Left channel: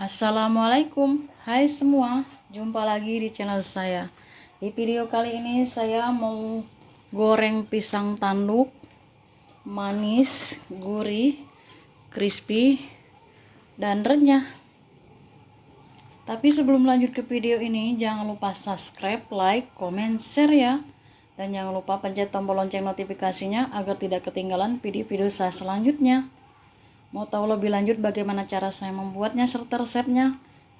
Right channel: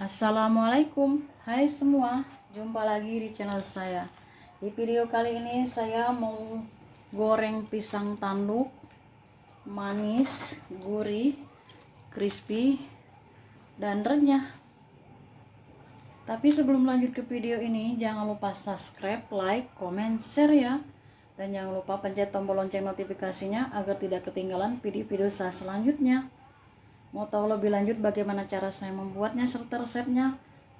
Assalamualaikum, hai semua, jumpa lagi di channel saya. Di video kali ini saya mau goreng pisang tanduk, manis, gurih, crispy, dan renyah. Tapi sebelum lanjut ke video ini, jangan lupa subscribe, like, comment, share ya. Dan jangan lupa pencet tombol lonceng notifikasinya agar tidak ketinggalan video-video saya selanjutnya. Mau tahu lebih lanjut bagaimana cara saya membuatnya serta resepnya?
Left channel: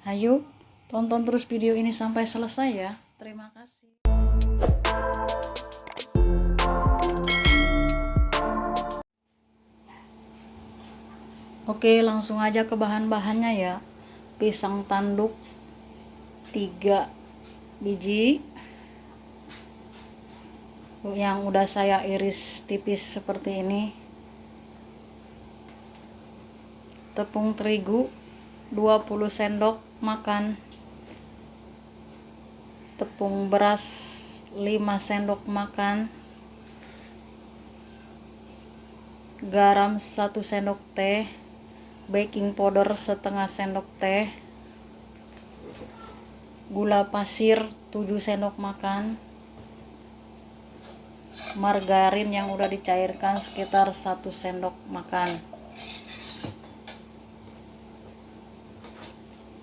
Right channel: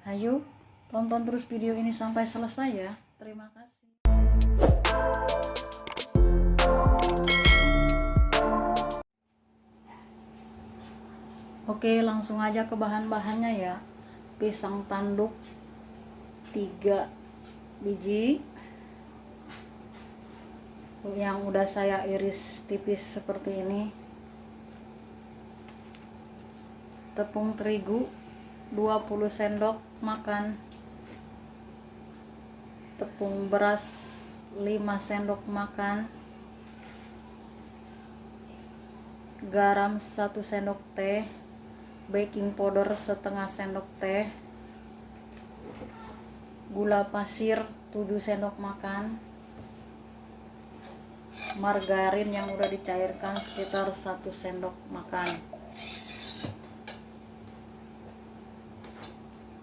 Ayo, tonton terus video ini sampai selesai ya. Terima kasih. Oke, langsung aja ke bahan-bahannya ya. Pisang tanduk 3 biji yang udah saya iris tipis seperti ini. Tepung terigu 20 sendok makan. Tepung beras 5 sendok makan. Garam 1 sendok teh. Baking powder setengah sendok teh. Gula pasir 7 sendok makan. Margarin yang udah dicairkan sekitar 1 sendok makan.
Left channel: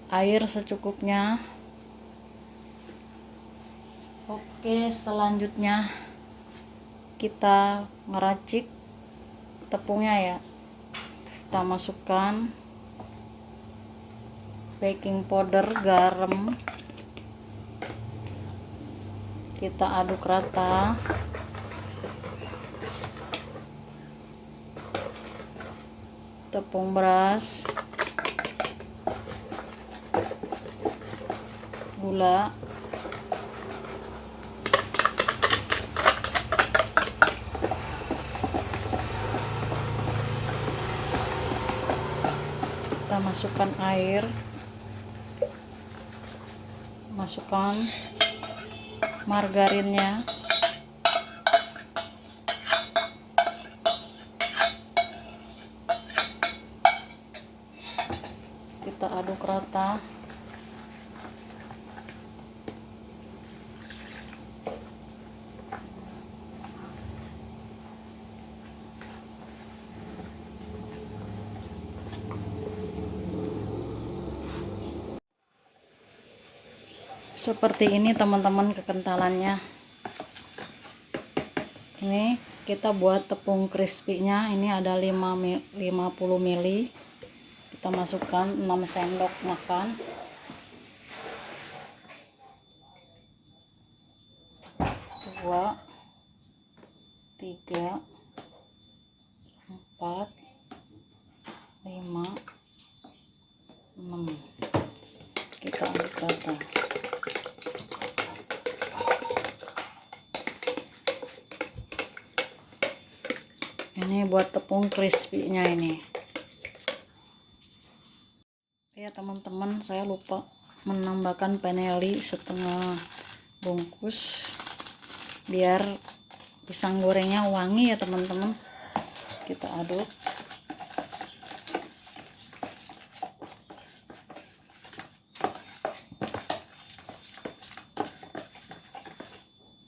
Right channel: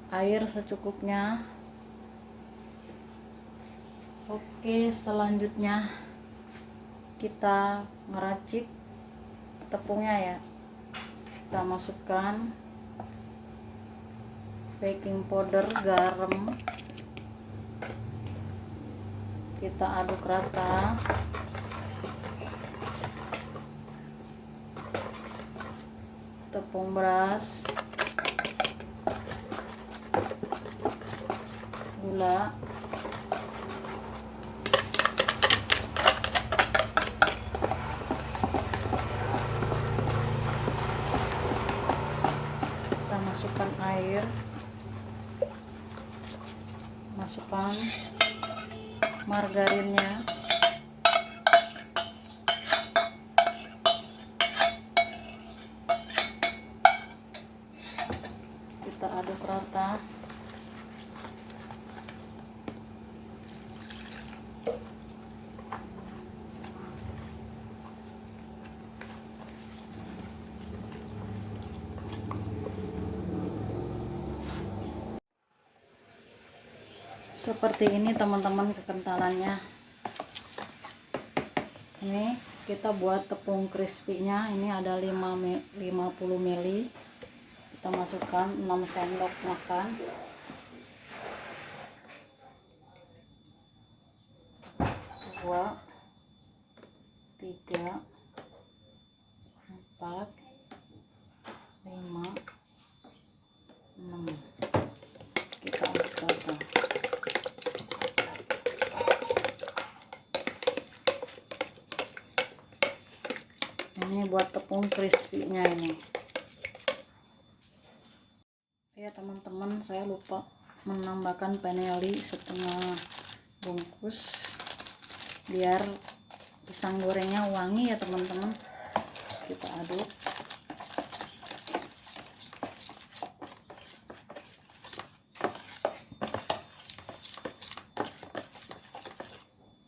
Air secukupnya. Oke, selanjutnya kita ngeracik tepungnya ya. Kita masukkan baking powder, garam, kita aduk rata. Tepung beras, gula, kita masukkan air, masukkan margarinnya, kita aduk rata. Seperti ini teman-teman kekentalannya. Ini kita buat tepung crispy-nya, ini ada 50 ml. Kita masukkan 6 sendok makan. Dua, 3, 4, 5, 6. Kita aduk rata. Ini buat tepung crispy-nya ini. Ya teman-teman, saya lupa menambahkan vanili setengah bungkus biar pisang gorengnya wangi ya teman-teman. Kita aduk.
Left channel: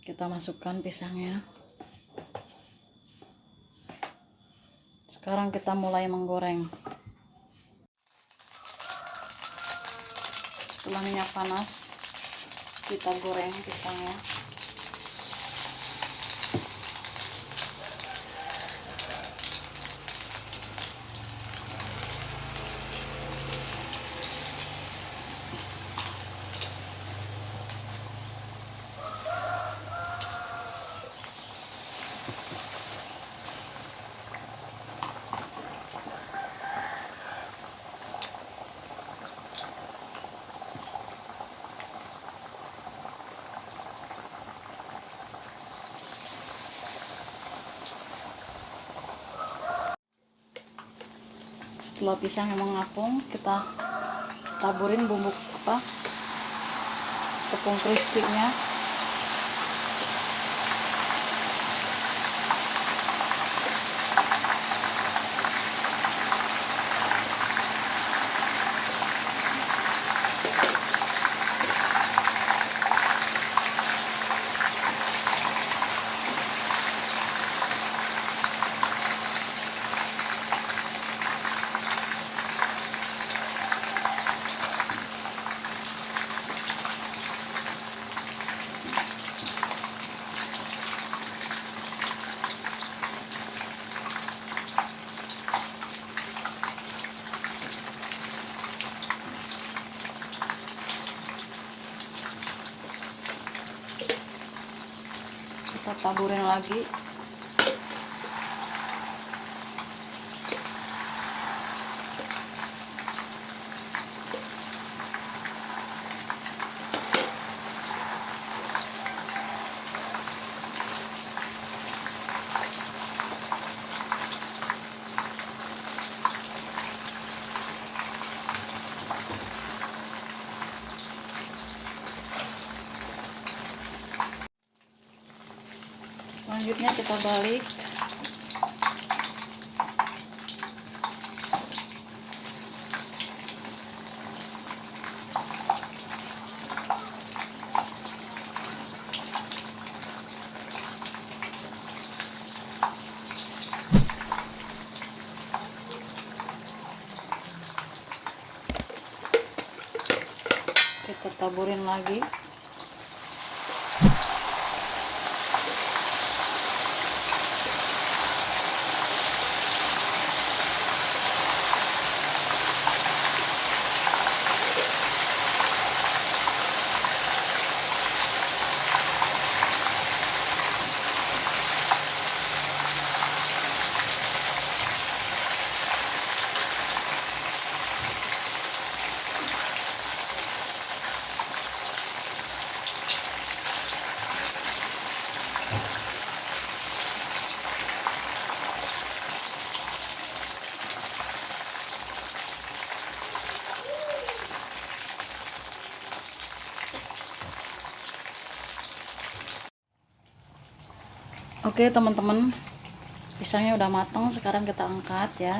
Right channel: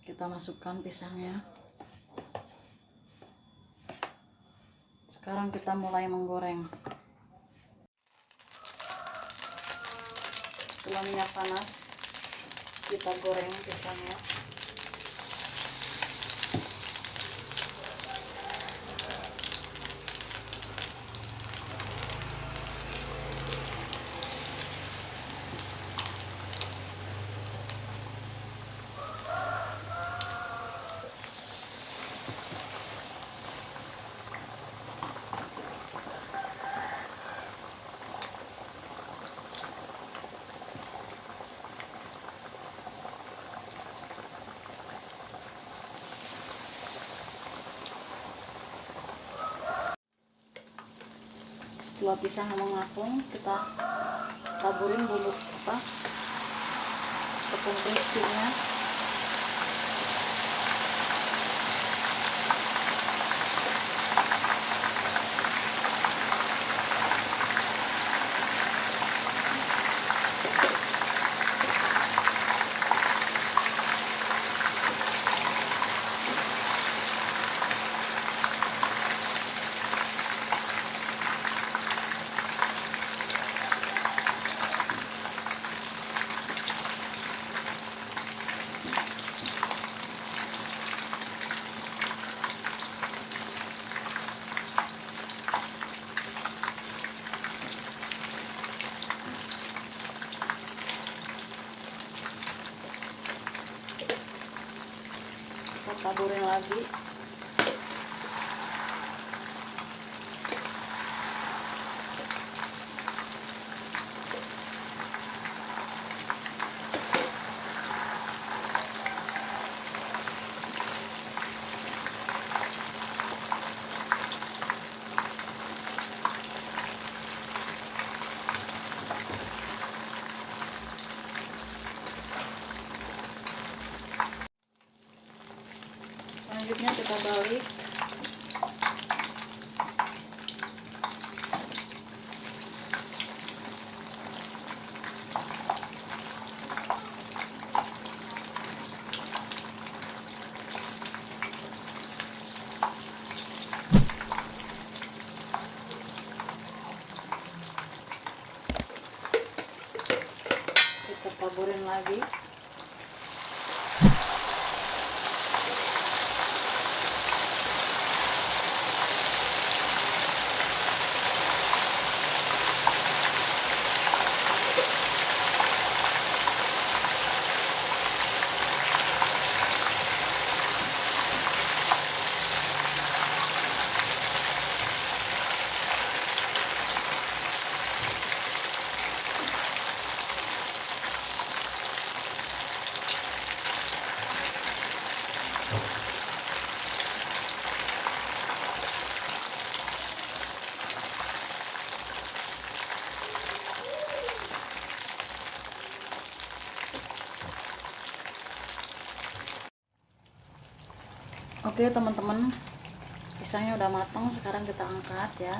Kita masukkan pisangnya. Sekarang kita mulai menggoreng. Setelah minyak panas, kita goreng pisangnya. Setelah pisang mengapung, kita taburin bumbu tepung crispy-nya. taburin lagi. Selanjutnya kita balik. Kita taburin lagi. Oke teman-teman, pisangnya udah matang, sekarang kita angkat ya.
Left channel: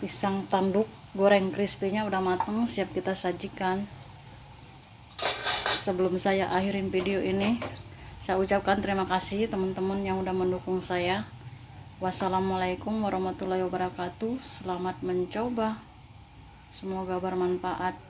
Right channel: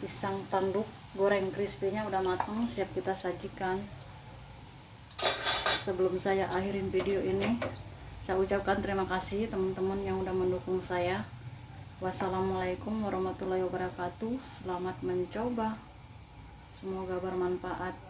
Pisang tanduk goreng crispy-nya udah matang, siap kita sajikan. Sebelum saya akhirin video ini, saya ucapkan terima kasih teman-teman yang udah mendukung saya. Wassalamualaikum warahmatullahi wabarakatuh. Selamat mencoba, semoga bermanfaat.